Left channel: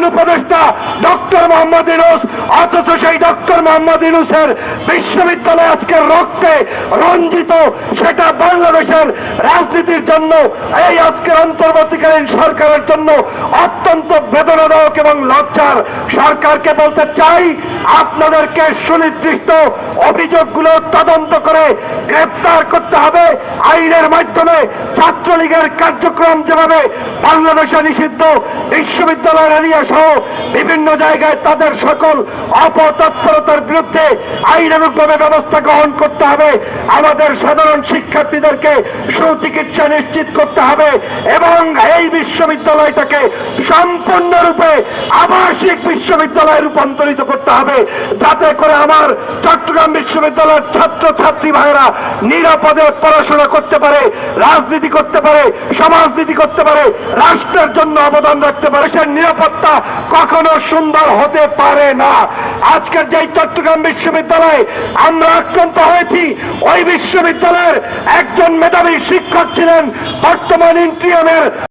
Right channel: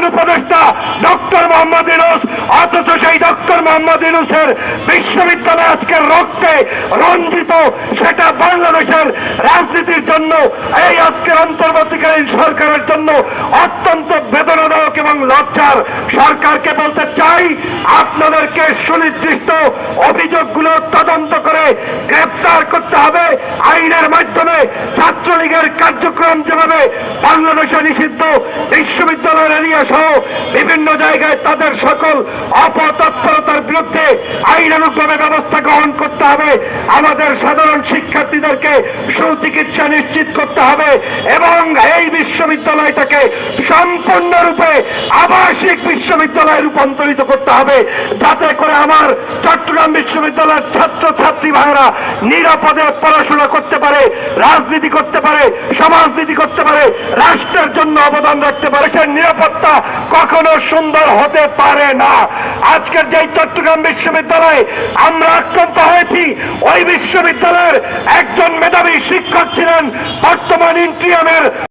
প্রধান উপদেষ্টা ডক্টর মোহাম্মদ ইউনুস, অথচ সেই ডক্টর মোহাম্মদ ইউনুসের বিশ্ববিদ্যালয় আজকের রক্তে রঞ্জিত, সেটা বাংলাদেশের রাজনীতির জন্য, এই আজকের অন্তর্বর্তীকালীন সরকারের জন্য অত্যন্ত বেদনাদায়ক এবং লজ্জার সরকারকে বলতে চাই, আপনাদেরকে সুনির্দিষ্ট অভিযোগগুলো তদন্ত করে গ্রেপ্তার করতে হবে। আইনের মাধ্যমে ছাত্রলীগের কার্যক্রম যেভাবে বাংলাদেশে নিষিদ্ধ, বিশ্ববিদ্যালয়ের এরিয়া বিভিন্ন জায়গায় তাদের সকল অপতৎপরতার বিরুদ্ধে আইনানুগভাবে ব্যবস্থা গ্রহণ করতে হবে। আমাদের সাধারণ শিক্ষার্থীদেরকে সুচিকিৎসা নিশ্চিত করতে হবে এবং এই বিশ্ববিদ্যালয়টাকে সম্পূর্ণরূপে আবাসিক বিশ্ববিদ্যালয়ে রূপান্তরিত করতে হবে। যাতে করে আমার চট্টগ্রাম বিশ্ববিদ্যালয়ের ছাত্র ছাত্রী ভাইরা নিরাপদে পড়াশোনা করতে পারে, রাজনীতি করতে পারে, সমাজনীতি করতে পারে, রাষ্ট্রের জন্য অবদান রাখতে পারে। সে নিরাপত্তা কখনো সুন্দর হতে পারে না। আজকের যে চট্টগ্রাম বিশ্ববিদ্যালয়ে আমরা আক্রান্ত হয়েছি, ওই বিশ্ববিদ্যালয়ের একজন মেধাবী শিক্ষক ছিলেন বর্তমান ইন্ট্রিয়ামের